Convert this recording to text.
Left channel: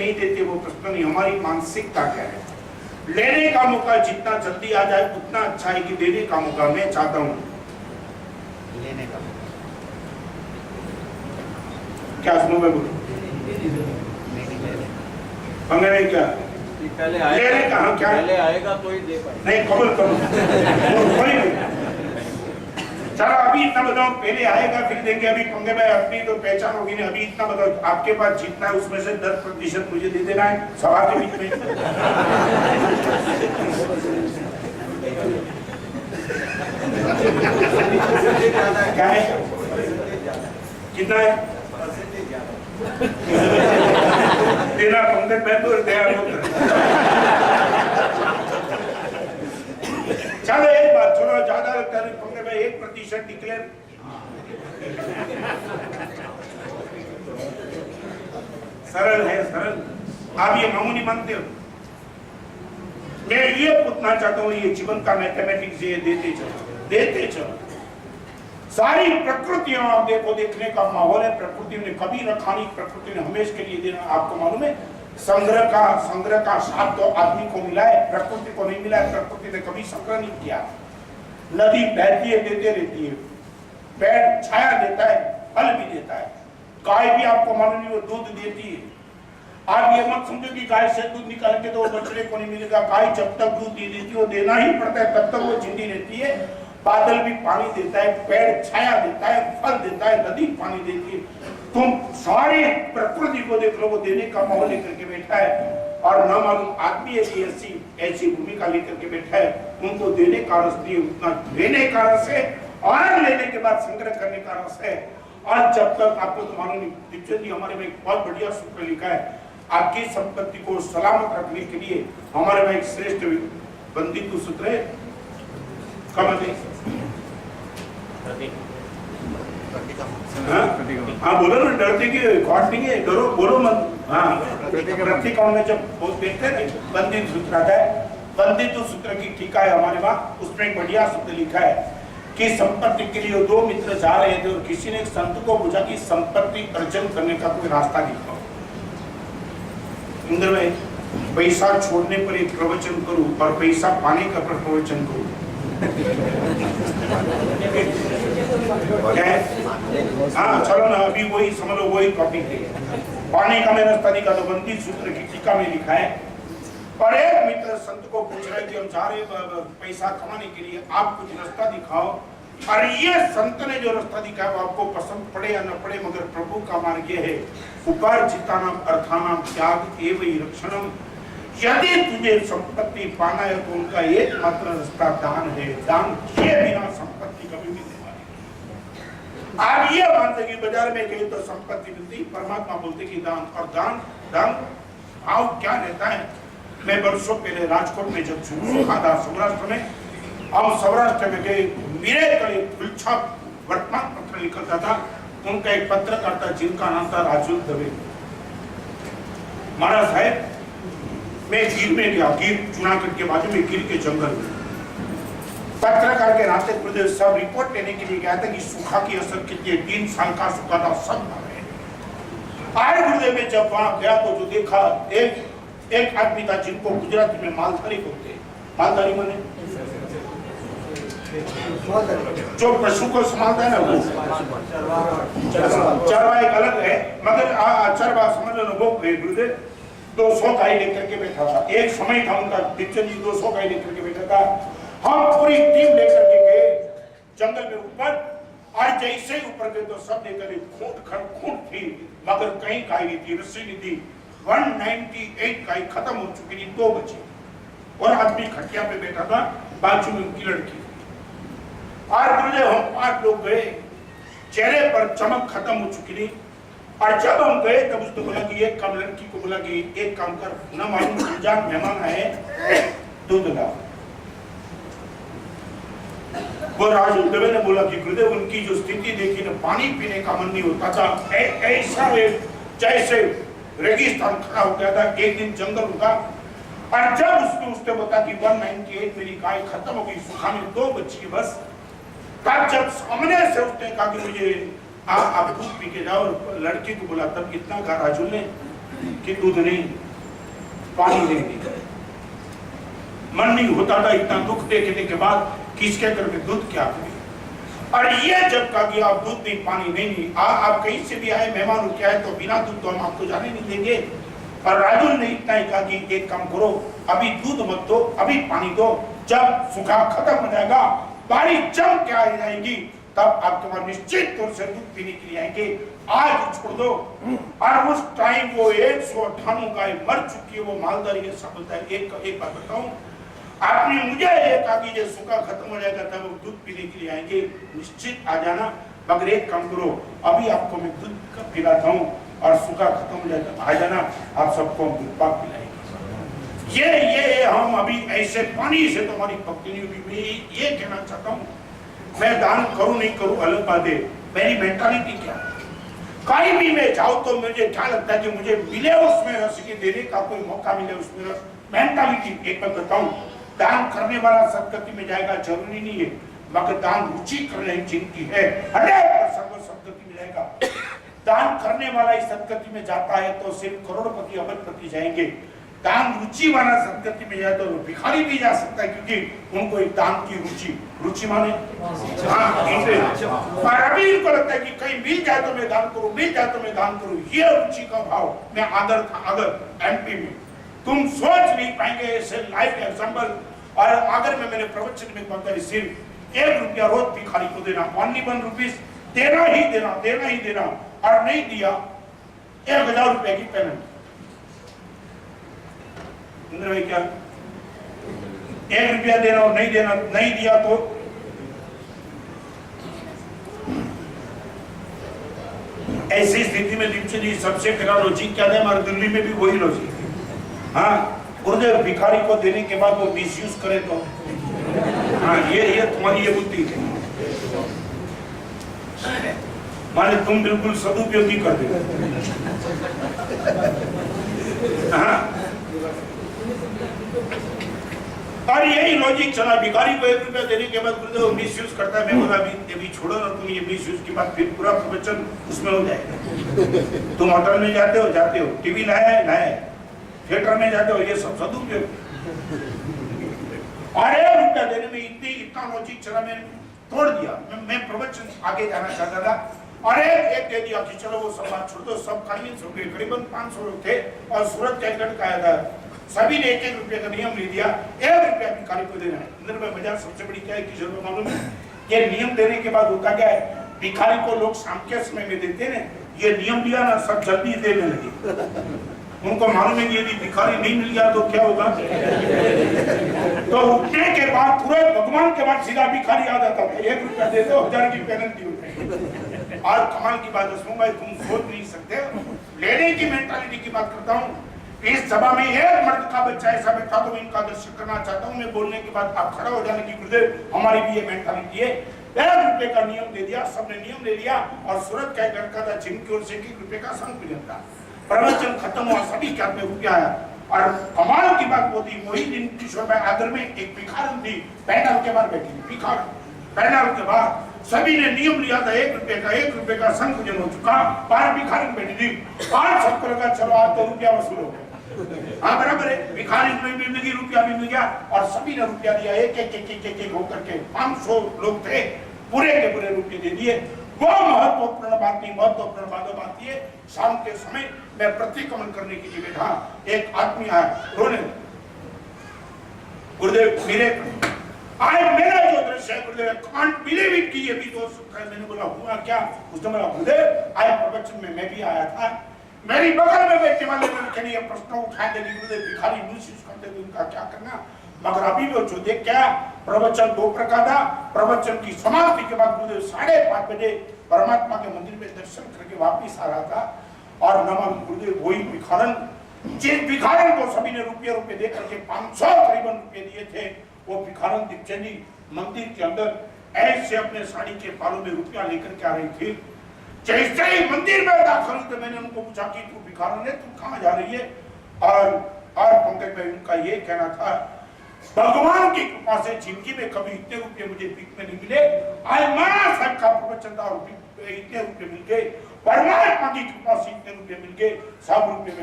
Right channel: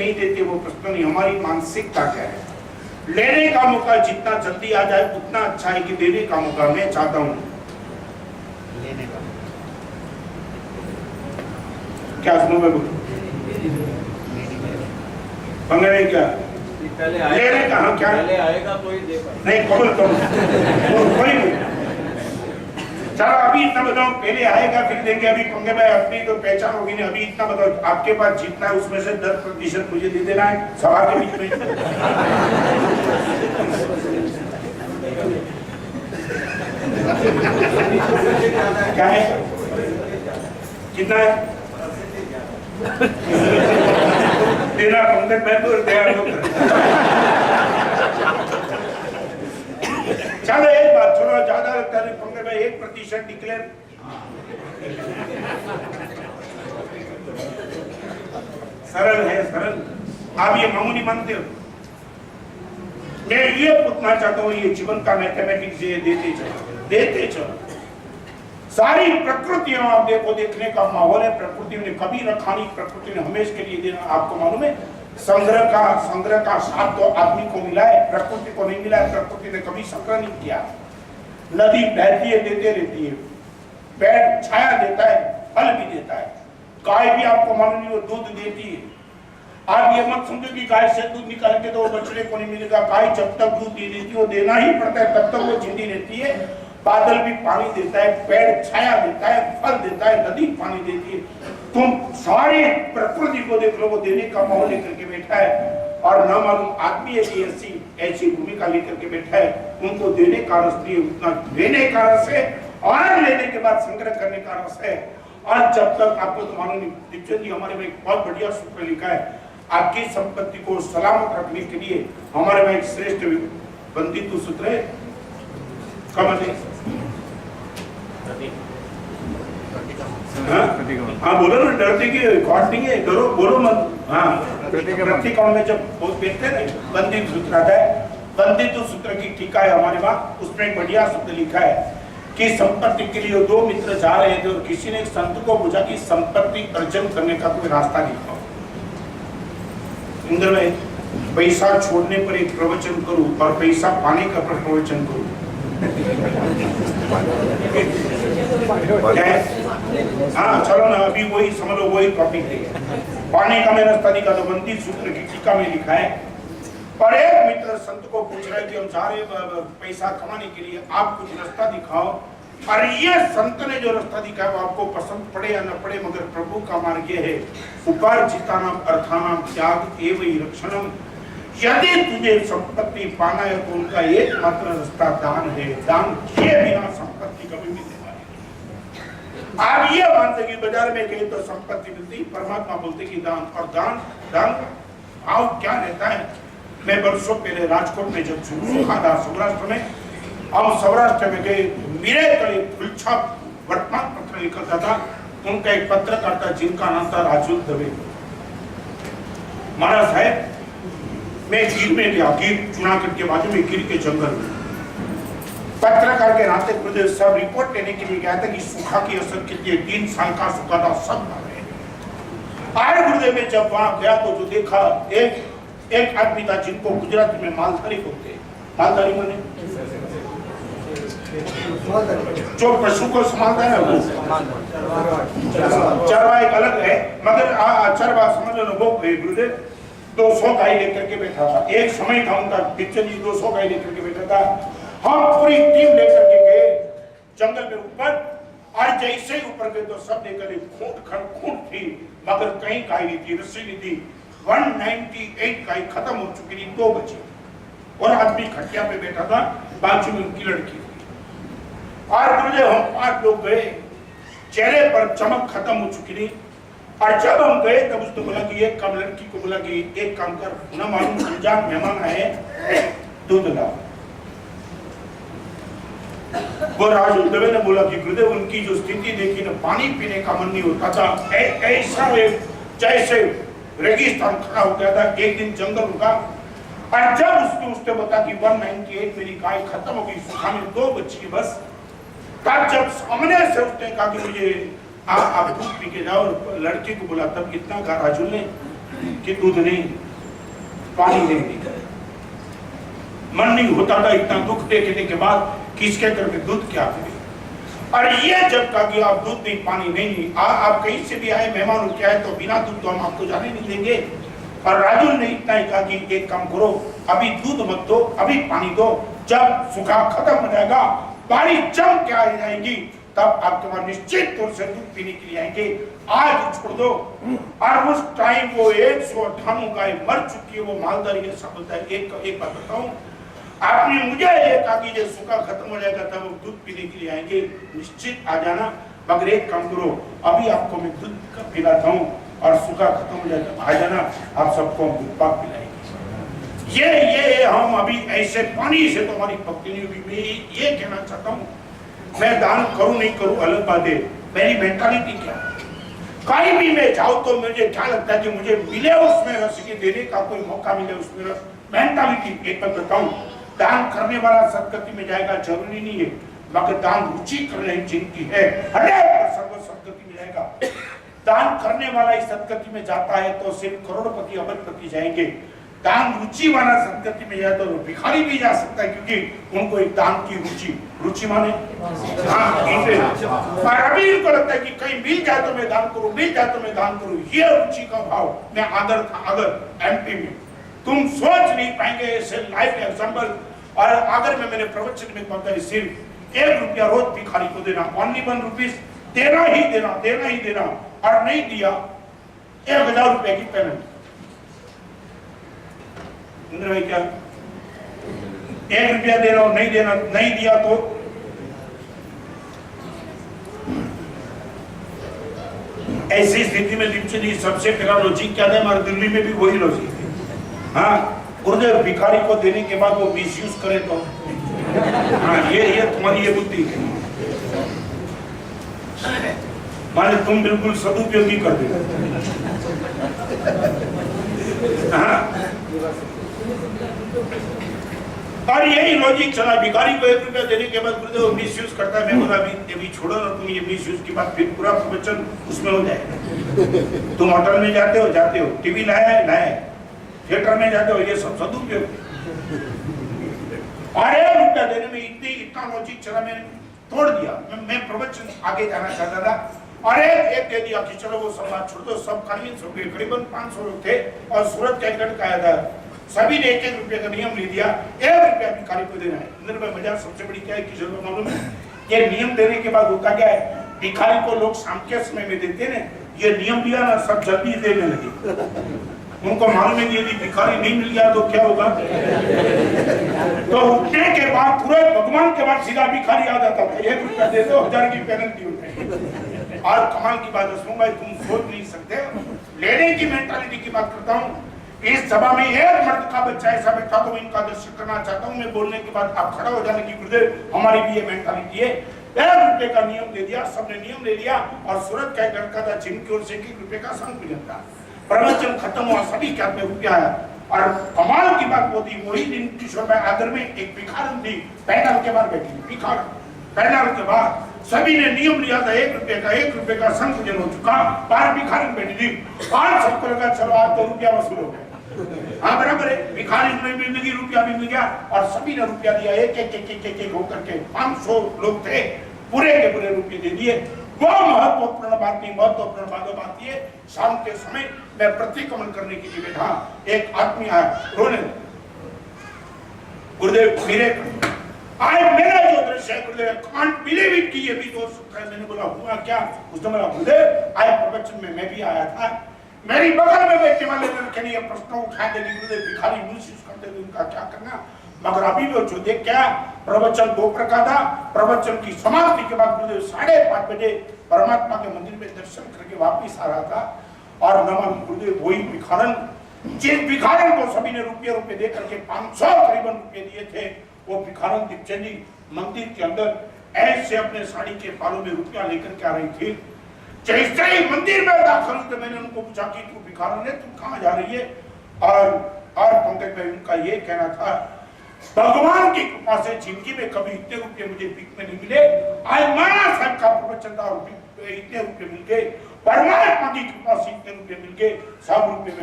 नहीं देते वो प्रश्न नहीं, हमारी मानसिकता क्या है। लेने का मौका जितना जल्दी आ जाए उतना अच्छा है कि देने का मौका मैं चाहता हूं लेने का। क्या सुनो मैं बोलूं पंगे में क्या पहले लेने का हम क्या पहले आएगा तो ही दे पाएंगे। नहीं कबूल करो कोई नहीं। चलो अभी इतना बताओ, पहले आएगा फिर देंगे। अभी पंगे में अपनी तो पहचान होगी नहीं। अभी इतना बताओ, आपके पास जितना है उसमें से 10% मुझे दे देना है सभा के बीच में। क्या है कितना है देना पंकज मैं तो तैयार हूं। चलो एक बात छोड़ो, ज्यादा पंकज में 1% डिक्लेयर। सरल है सरल, आप ये मामूली मानते हो। मैं ये पूछना चाहता हूँ, ये जीवन का मैथमेटिक्स ये देते चलो। सारी प्रकृतियों आप देखो, देखने का माहौल है। प्रकृति ने कभी रखा नहीं, प्रकृति ने हमेशा के लिए देना। आपको मालूम है संग्रह का साथ तो आदमी को मिला है, प्रकृति को नहीं मिला है। प्रकृति ने कभी संग्रह नहीं किया। नदी बहती है, देते रहती है। पेड़ छाया देता है, फल भी देता है। गाय भी आपको मालूम नहीं वो दूध देती है। आप ये मत समझो कि गाय से दूध निकाल के तो वो बछड़े को नहीं मिलेगा। गाय जब तक दूध दे देती है वो देना ही पड़ता है, तब तक वो जिंदी रहती है। बादल भी पानी देता है, पेड़ छाया देता है, फल देता है, नदी पानी देती है। तुम सारी प्रकृति को देख लो, वो देने का माहौल लेकर के बैठा है। और न मालूम आदमी ऐसी भूमिका लेकर के बैठा है। उनको देने का रस नहीं, उतना देने का रस है और लेने के बाद संग्रह करने का रस है। और जब तक आपको तो मालूम नहीं, दीपचंद जी हमारे में एक बहुत बढ़िया सूत्र लिखा है, आपकी संपत्ति को सलामत रखने के लिए हमारे में एक श्रेष्ठ बंदितु सूत्र है। हाँ बोलो ना, डरते की रिकॉर्डिंग है, डरो बोलो मत। हाँ प्रतिक्रमण में जब देखते हैं ना बंदित सूत्र आता है, बंदित सूत्र की टीका है हमारे वहाँ, उसमें एक बढ़िया शब्द लिखा है कि संपत्ति के लिए दो मित्र जा रहे थे और किसी ने एक संत को पूछा कि संपत्ति अर्जन करने का कोई रास्ता दिखाओ। इंद्र में पैसा छोड़ने पर एक प्रवचन करूं और पैसा पाने का प्रवचन करूं, हाँ चलो ना, अभी वही समझ लो, वही टॉपिक है। पाने का मैं रास्ता दिखा दो, बंदी सूत्र की टीका में लिखा है। और एक मित्र संत को पूछ रहे कि हम जा रहे पैसा कमाने के लिए, आप कुछ रास्ता दिखाओ। और ये संत ने जो रास्ता दिखाया वो आपको पसंद पड़े या न पड़े, मगर प्रभु का मार्ग ये है, उपार्जितानाम अर्थानाम त्याग एवं रक्षणम। यदि तुझे संपत्ति पाना है तो उनका एकमात्र रास्ता दान है। दान किए बिना संपत्ति कभी मिलने वाली नहीं। आप ये मानते कि बाजार में गए तो संपत्ति मिलती, परमात्मा बोलते कि दान। और दान भाव क्या रहता है। मैं वर्षों पहले राजकोट में जब सुखा था सौराष्ट्र में, हम सौराष्ट्र में गए, मेरे तले फुलछाप वर्तमान पत्र निकलता था। उनका एक पत्रकार था जिनका नाम था राजुल दवे। महाराज साहब मैं गिर में गया, गिर जूनागढ़ के बाजू में गिर के जंगल में, पत्रकार के नाते गुरुदेव सब रिपोर्ट लेने के लिए गया था कि सूखा की असर कितनी, 3 साल का सूखा था, सब मर रहे। आए गुरुदेव में जब वहां गया तो जो देखा, एक आदमी था जिनको गुजराती में मालधारी बोलते। मालधारी माने जो पशु को संभालता है ना, चरवा एक अलग है, मगर चरवा समझ लो वो गुरुदेव 200 गाय लेकर के बैठा था। एक समय था उनका, दीपचंद जी 200 गाय लेकर के बैठा था। हम पूरी टीम लेकर के गए जंगल में ऊपर, और जैसे ही ऊपर गए तो सब लेकर खूंट थी, मगर कहीं गाय नहीं थी, रस्सी नहीं थी। 198 गाय खत्म हो चुकी थी, 2 बची और आदमी खटिया पे बैठा था, बाजू में उनकी लड़की थी। और गुरुदेव हम 5 लोग गए, चेहरे पर चमक खत्म हो चुकी थी। और जब हम गए तब उसने बोला कि एक काम, लड़की को बोला कि एक काम कर, ना मालूम अनजान मेहमान आए, दूध लाओ। वो राजू दवे ने बोला कि गुरुदेव उनकी जो स्थिति देखी ना, पानी पीने का मन नहीं होता था। ऐसा जैसे रेगिस्तान खड़ा हो गया था। एक दिन जंगल रुका और जब उसने बता कि 198 मेरी गाय खत्म हो गई, सूखा में 2 बची बस, तब जब सामने से उसने कहा कि मुझे आप दूध पी के जाओ, और लड़की को बोला, तब कितना कहा राजू ने कि दूध नहीं, पानी नहीं दिया। मन नहीं होता था इतना दुख देखने के बाद किसके घर में दूध क्या करे। और ये जब कहा कि आप दूध नहीं, पानी नहीं, आप कहीं से भी आए मेहमान क्या है तो बिना दूध तो हम आपको जाने नहीं देंगे। और राजुल ने इतना ही कहा कि एक काम करो, अभी दूध मत दो, अभी पानी दो, जब सूखा खत्म हो जाएगा, बारिश जम के आ जाएगी, तब आपके पास निश्चित तौर से दूध पीने के लिए आएंगे, आज छोड़ दो। और उस टाइम वो 198 गाय मर चुकी है, वो मालदार ये सब बोलता है। एक बात बताऊं, आपने मुझे ये कहा कि जब सूखा खत्म हो जाएगा तब वो दूध पीने के लिए आएंगे, निश्चित आ जाना, मगर एक काम करो, अभी आपको मैं दूध पिलाता हूँ और सूखा खत्म हो जाएगा आ जाना, आप सबको हम दूध पाक पिलाएंगे। ये हम अभी ऐसे पानी से तो हमारी भक्ति नहीं होगी। मैं ये कहना चाहता हूँ, मैं दान करूं नहीं करूं अलग बात है, मेरी मेंटालिटी क्या है। कहीं भी मैं जाऊं तो मुझे क्या लगता है कि मुझे मिले उसमें रस के देने का कोई मौका मिले उसमें रस। मेंटालिटी एक बात बताऊं, दान करने वाला सदगति में जाएगा जरूरी नहीं है, मगर दान रुचि करने जिनकी है 100% वो सदगति में जाएगा। दान करने वाला इस सदगति में जाता है तो सिर्फ करोड़पति अरबपति जाएंगे। दान रुचि वाला सदगति में जाए तो भिखारी भी जा सकता है, क्योंकि उनको एक दान की रुचि माने। हाँ, अभी इनको लगता है कि कहीं मिल जाए तो मैं दान करूं, मिल जाए तो मैं दान करूं, ये रुचि का भाव। मैं अगर एमपी में तुम सोच नहीं पाएंगे ऐसे लाइव एग्जाम्पल। और अगर मैंने प्रवचन में कहता है सिर्फ 1 रुपया रोज भिखारी को देना, ओनली 1 रुपीज देना ही देना, और नहीं दिया 1000 रुपए की पेमेंट। इंद्र भाई क्या 1 रुपया देना और नहीं दिया तो ऐसी स्थिति में दीपचंद सबसे पहला लॉजिक क्या है, हमारे दिल्ली में भी वही लॉजिक है। हाँ, गुरुदेव भिखारी को देने के बाद वो मिसयूज करे तो हाँ, ये तुम्हारी ये बुद्धि है, माने तुम बिल्कुल सदुपयोगी कर दे। हाँ, और यही लॉजिक चला, भिखारी को 1 रुपया देने के बाद गुरुदेव मिसयूज करता है। मैं बोला अभी छोड़ो ना तुम ये मिसयूज की बात, फिर पूरा प्रवचन उसमें हो जाएगा। तुम होटल में जाते हो, टीवी लाया है, थिएटर में जाते हो, ये सब सदुपयोग। और 1 रुपया देने में इतना लॉजिक चला, मैंने तोड़ दिया। मैं प्रवचन आगे जाना चाहता था और एक दे दिया कि चलो वो सब बात छोड़ दो, सब कन्विंस हो गए। करीबन 500 लोग थे और सूरत का एक लड़का आया था, सभी ने 1-1 रुपये का नियम ले दिया, 1 रुपया भिखारी को देना है। इंद्र भाई मजा सबसे बड़ी क्या है कि जरूर मालूम है, ये नियम देने के बाद होता क्या है, भिखारी को लोग शाम के समय में देते हैं, ये नियम दिया ना सब जल्दी देने लगे। उनको मालूम है कि यदि भिखारी नहीं मिल गया तो क्या होगा, तो उठने के बाद तुरंत भगवान के बाद सीधा भिखारी आ जाता था, 1 रुपया दे दो 1000 की पेनल्टी होती है। और कमाल की बात है भाई, तुम सोच नहीं सकते, लेने की मेंटालिटी की बात करता हूँ। इस सभा में एक मर्द का बच्चा ऐसा बैठा तो मैं इनका दर्शन करना चाहता हूँ। मैं बोलने के बाद आप खड़ा हो जाने की गुरुदेव हमारी भी ये मेंटालिटी है। 1 रुपये का नियम दे दिया, सबने नियम ले लिया और सूरत का एक लड़का था जिनकी ओर से 1 रुपये का संग मिला था। प्रवचन खत्म हुआ, सभी के हाथ में रुपया आया और कमाल की बात वो थी, वही दिन किशोर भाई आदर में एक भिखारन थी, पैनल के बाद बैठी भिखारन। पैनल के बाद सभी ने नियम लिया था 1 रुपये का संपूजन हो चुका, 12 भिखारन बैठी थी। 5 सबको लगा चलो आज तो रुपया वसूल हो गया। हाँ बराबर है, भिखारी में भी मिल गई, रुपया भी मिल गया और सभी ने रुपया दिया। एक होकर के 500 लोग थे, पूरे के पूरे रुपये दे दिए। वो महत्वपूर्ण बात नहीं, महत्वपूर्ण बात ये, शाम के समय मैं प्रतिक्रमण करने के लिए बैठा, एक आदमी आया रोने, गुरुदेव मेरे आज मेरा जो दृश्य है गुरुदेव कांट बिलीव इट कि ये भी हो सकता है। मैंने बोला हुआ क्या? उसने बोला गुरुदेव आए प्रवचन में मैं भी आया था, मेरी बगल में बैठने वाले लड़के ने ये प्रश्न उठाया थे गुरुदेव भिखारी मिसयूज करते थे, उनका क्या करना। मगर अभी वो जो देख क्या प्रवचन 2 प्रकार था। प्रवचन की समाप्ति के बाद गुरुदेव 5:30 बजे परमात्मा के मंदिर में दर्शन करके वापिस आ रहा था और नमन गुरुदेव वही भिखारन, जिस भिखारन को सभी ने रुपये दे करके 500 करीबन रुपये दिए थे, वो भिखारन दीपचंद जी मंदिर के अंदर ऐसे अपने साड़ी के पालों में रुपया लेकर के आ रही थी। जैसे ही मंदिर में दाखिल हुए तो मैंने उनको पूछा कि तू भिखारन है, तू कहाँ जा रही है? और पंकज भाई उनका ये कहना था, भगवान की कृपा से जिंदगी में कभी इतने रुपये मुझे भीख में नहीं मिले, आज महाराज साहब का प्रवचन था और इतने रुपये मिल गए, परमात्मा की कृपा से इतने रुपये मिल गए, सब रुपये में